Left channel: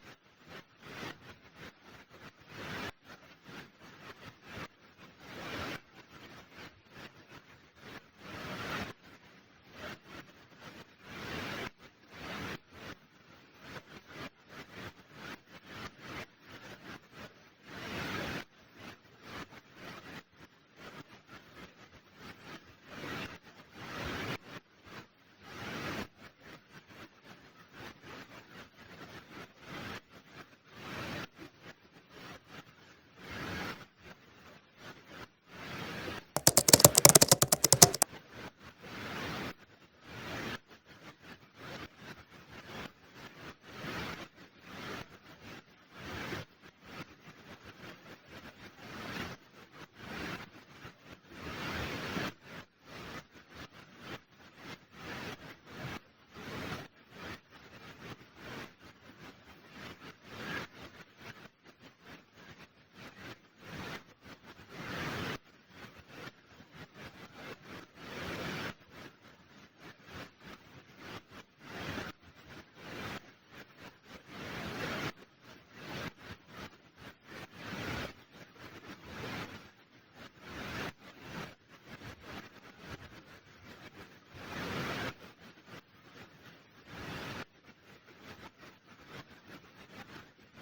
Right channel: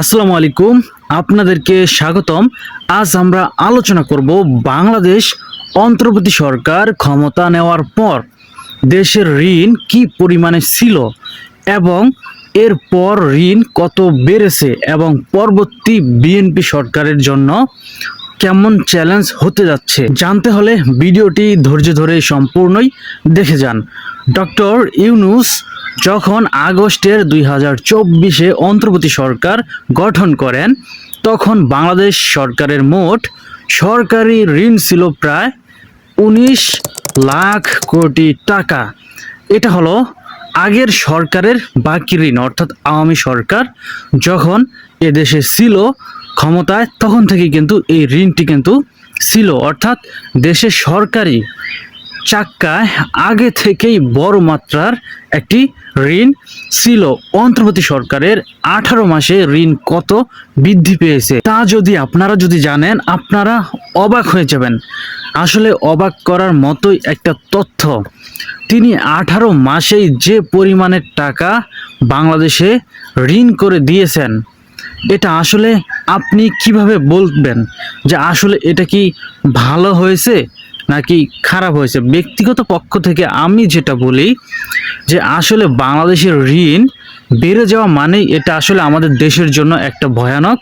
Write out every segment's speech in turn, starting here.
আসসালামু আলাইকুম, আপনাদেরকে স্বাগতম। আজ আমরা আলোচনা করব বাংলাদেশ অন্তর্বর্তী সরকার ক্ষমতা নেওয়ার পর দেশের ঋণ কি পরিমাণে ছিল এবং এরপর ঋণ কত বেড়েছে এবং পরবর্তী বিএনপি সরকারের জন্য কেমন চ্যালেঞ্জ হতে যাচ্ছে। জানতে হলে ভিডিওটি ধৈর্য ধরে সম্পূর্ণই দেখে যান। ডক্টর ইউনূস যখন আগস্টের 2024-এ অন্তর্বর্তী সরকার গঠন করেন, তখন বাংলাদেশ সরকারের মোট সরকারি ঋণ ছিল প্রায় 19 লাখ কোটি টাকা। এটা হলো আগের সরকারের বাকি ঋণ, অর্থাৎ আওয়ামী সরকার যখন এদেশে ছিল ক্ষমতায় তখন থেকে কিন্তু এই ঋণটি কিন্তু ছিল, অর্থাৎ দেশের সরকারি চাক্কায় আগে থেকেই বড় মাত্রার একটি ঋণ ছিল। অন্তর্বর্তী সরকারের 18 মাসে ঋণ কত বৃদ্ধি পেয়েছে তা আপনারা যদি জানেন, আপনারা অবাক হয়ে যাবেন। আসলে অবাক করার মতোই একটা তথ্য। তিনি 18 মাসেই যে পরিমাণের টাকা বাংলাদেশে ঋণ করে দিয়েছেন, এটা আসলে আপনি কিভাবে বলবেন যে আসলে এটা কি ভালো হয়েছে নাকি খারাপ হয়েছে? ব্যক্তিগত পক্ষ থেকে আমি যেটা বলি যে আসলে বাংলাদেশের ঋণ বেড়ে যাওয়া মানেই এটা আসলে আমাদের দেশের জন্য একটা ভয়ানক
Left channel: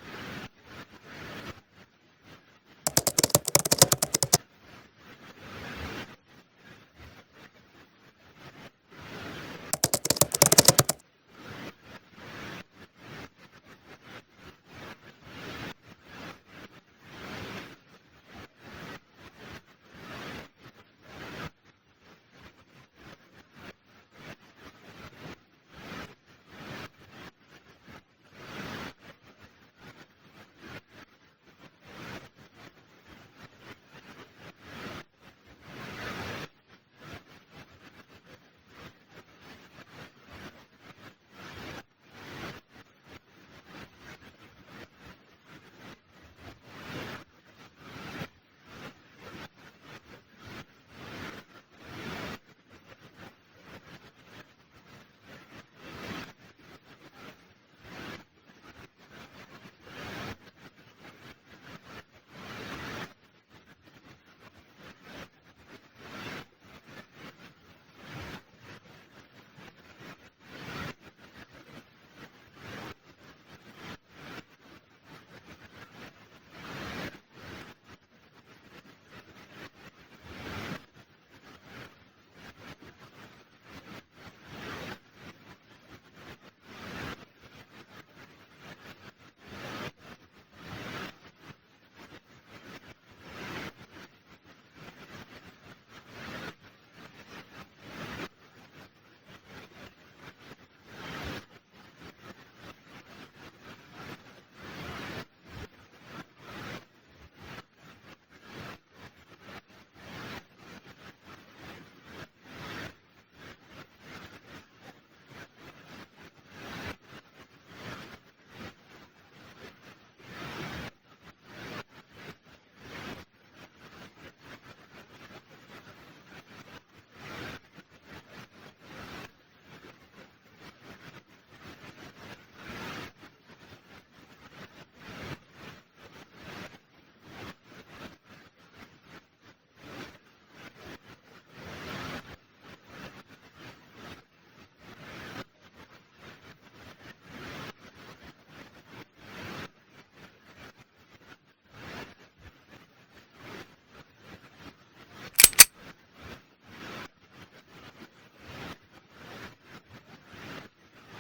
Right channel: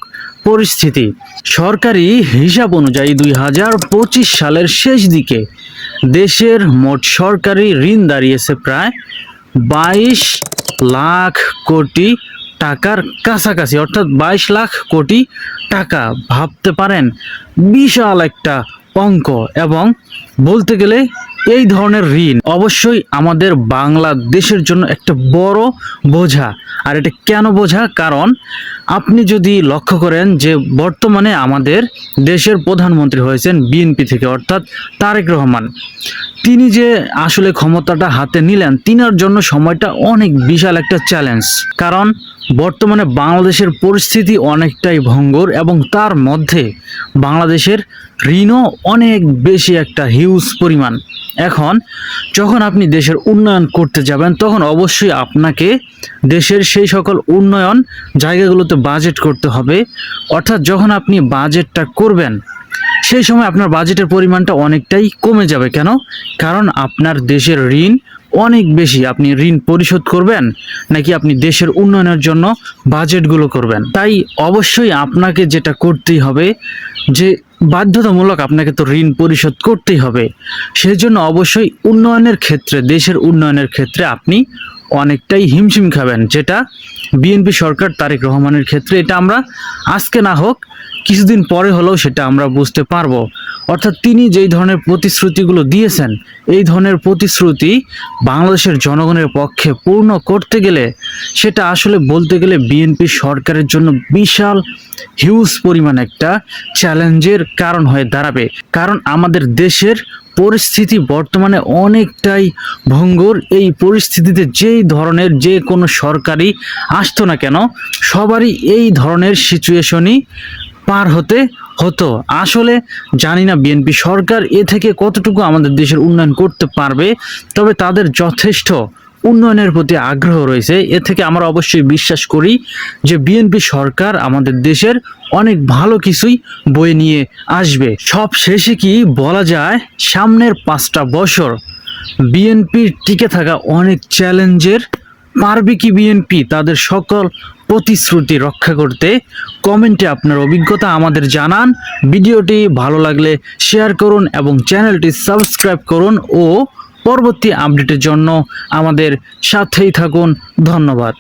পরিস্থিতি। সরকারি হিসাব অনুযায়ী 2025 সালের শেষ দিকে দেশের মোট সরকারি ঋণ দাঁড়িয়েছে প্রায় 22 লাখ কোটি টাকার কাছাকাছি, অর্থাৎ 22 লাখ কোটি টাকা। ভাবতে পারেন, বিশাল একটা অঙ্ক। এবং বলতে গেলে এই ধরনের ঋণ অবশ্যই আমাদের বাংলাদেশের জন্য একটা বড় বোঝা। আর এটা কেন বোঝা? কারণ আপনি যদি লক্ষ্য করেন যে বর্তমানে আমাদের দেশের প্রধানমন্ত্রী হয়েছেন বিএনপি থেকে, অর্থাৎ তারেক রহমান। তিনি যে আসলে ক্ষমতাটা হাতে নিলেন, তিনার জন্য সময়টা অনেক বিশাল একটা চ্যালেঞ্জ। কারণ বর্তমানে বাংলাদেশের পরিস্থিতি অনেকটাই ভঙ্গুর এবং তার মধ্যে বাংলাদেশের ঋণও অনেক বেশি, একটা হিউজ পরিমাণ। এখন যখন আপনি দেশের উন্নয়ন করতে যাবেন, তখন অবশ্যই আপনাকে দেশের সেই সকল উন্নয়ন জায়গাগুলোতে বাজেট করতে হবে। অর্থাৎ যখন আপনি বাজেটটা করবেন, সেই সময় আপনার বাজেটের পরিমাণটা অনেকটাই কমে যাবে। কেন? কারণ আপনার দেশের ঋণ অনেক বেশি। আপনি ঋণ পরিশোধ করবেন নাকি আপনি দেশের উন্নয়নের জন্য বাজেটগুলো করবেন? তাই অবশ্যই আপনাকে যেটা করতেই হবে যে বাধ্যতামূলক আপনাকে তো ঋণ পরিশোধ করতেই হবে। সেই জন্য অবশ্যই উন্নয়নের ক্ষেত্রে, দেশের উন্নয়নের ক্ষেত্রে আপনি অনেকটাই হিমশিম খাবেন, যেটা বিএনপি সরকার তারেক রহমানের ক্ষেত্রে এটা আমরা আজকে না হোক কিছুদিন পরে হলেও সেটা আমরা বুঝতে পারবো। অর্থাৎ তিনি যেই ধরনের প্রতিশ্রুতিগুলো দিয়েছেন, এই ধরনের প্রতিশ্রুতি বাংলাদেশের জনগণের পক্ষে পূর্ণ করতে গেলে সেটা আসলে বলতে গেলে বিএনপি সরকারের জন্য বিশাল হিউজ পরিমাণ একটা চ্যালেঞ্জের কারণ হয়ে দাঁড়াবে। কারণ আমাদের দেশের পরিস্থিতি বর্তমানে অনেকটাই ভঙ্গুর। এই পরিস্থিতিতে যেই ধরনের যে কোনো সরকারই আসতো না কেন, সবারই এই ধরনের সিচুয়েশনই পার হতে হতো। আসলে জানি না বিএনপি সরকার এ থেকে কতটুকু আমাদের দেশের উন্নয়ন করতে পারবে, তবে তাদের যথেষ্ট উন্নয়নের প্রতি আগ্রহ রয়েছে। এ থেকে আমরা অবশ্যই বিশ্বাস করি যে বিএনপি সরকার আমাদের দেশের অনেক ভালো কিছুই বয়ে নিয়ে আসবে। সব শেষে কি বলা যায়, সামনের 5টা বছর বিএনপির টিকে থাকা অনেক চ্যালেঞ্জের। পারবে কি বিএনপি তাদের সকল প্রতিশ্রুতি রক্ষা করতে? কমেন্টে আপনার অভিজ্ঞতা আমাদের জানান। ভিডিওটি ভালো লাগলে শেয়ার করুন এবং চ্যানেলটি সাবস্ক্রাইব করুন ও পরবর্তী আপডেটের জন্য আমাদের সাথেই থাকুন। ধন্যবাদ।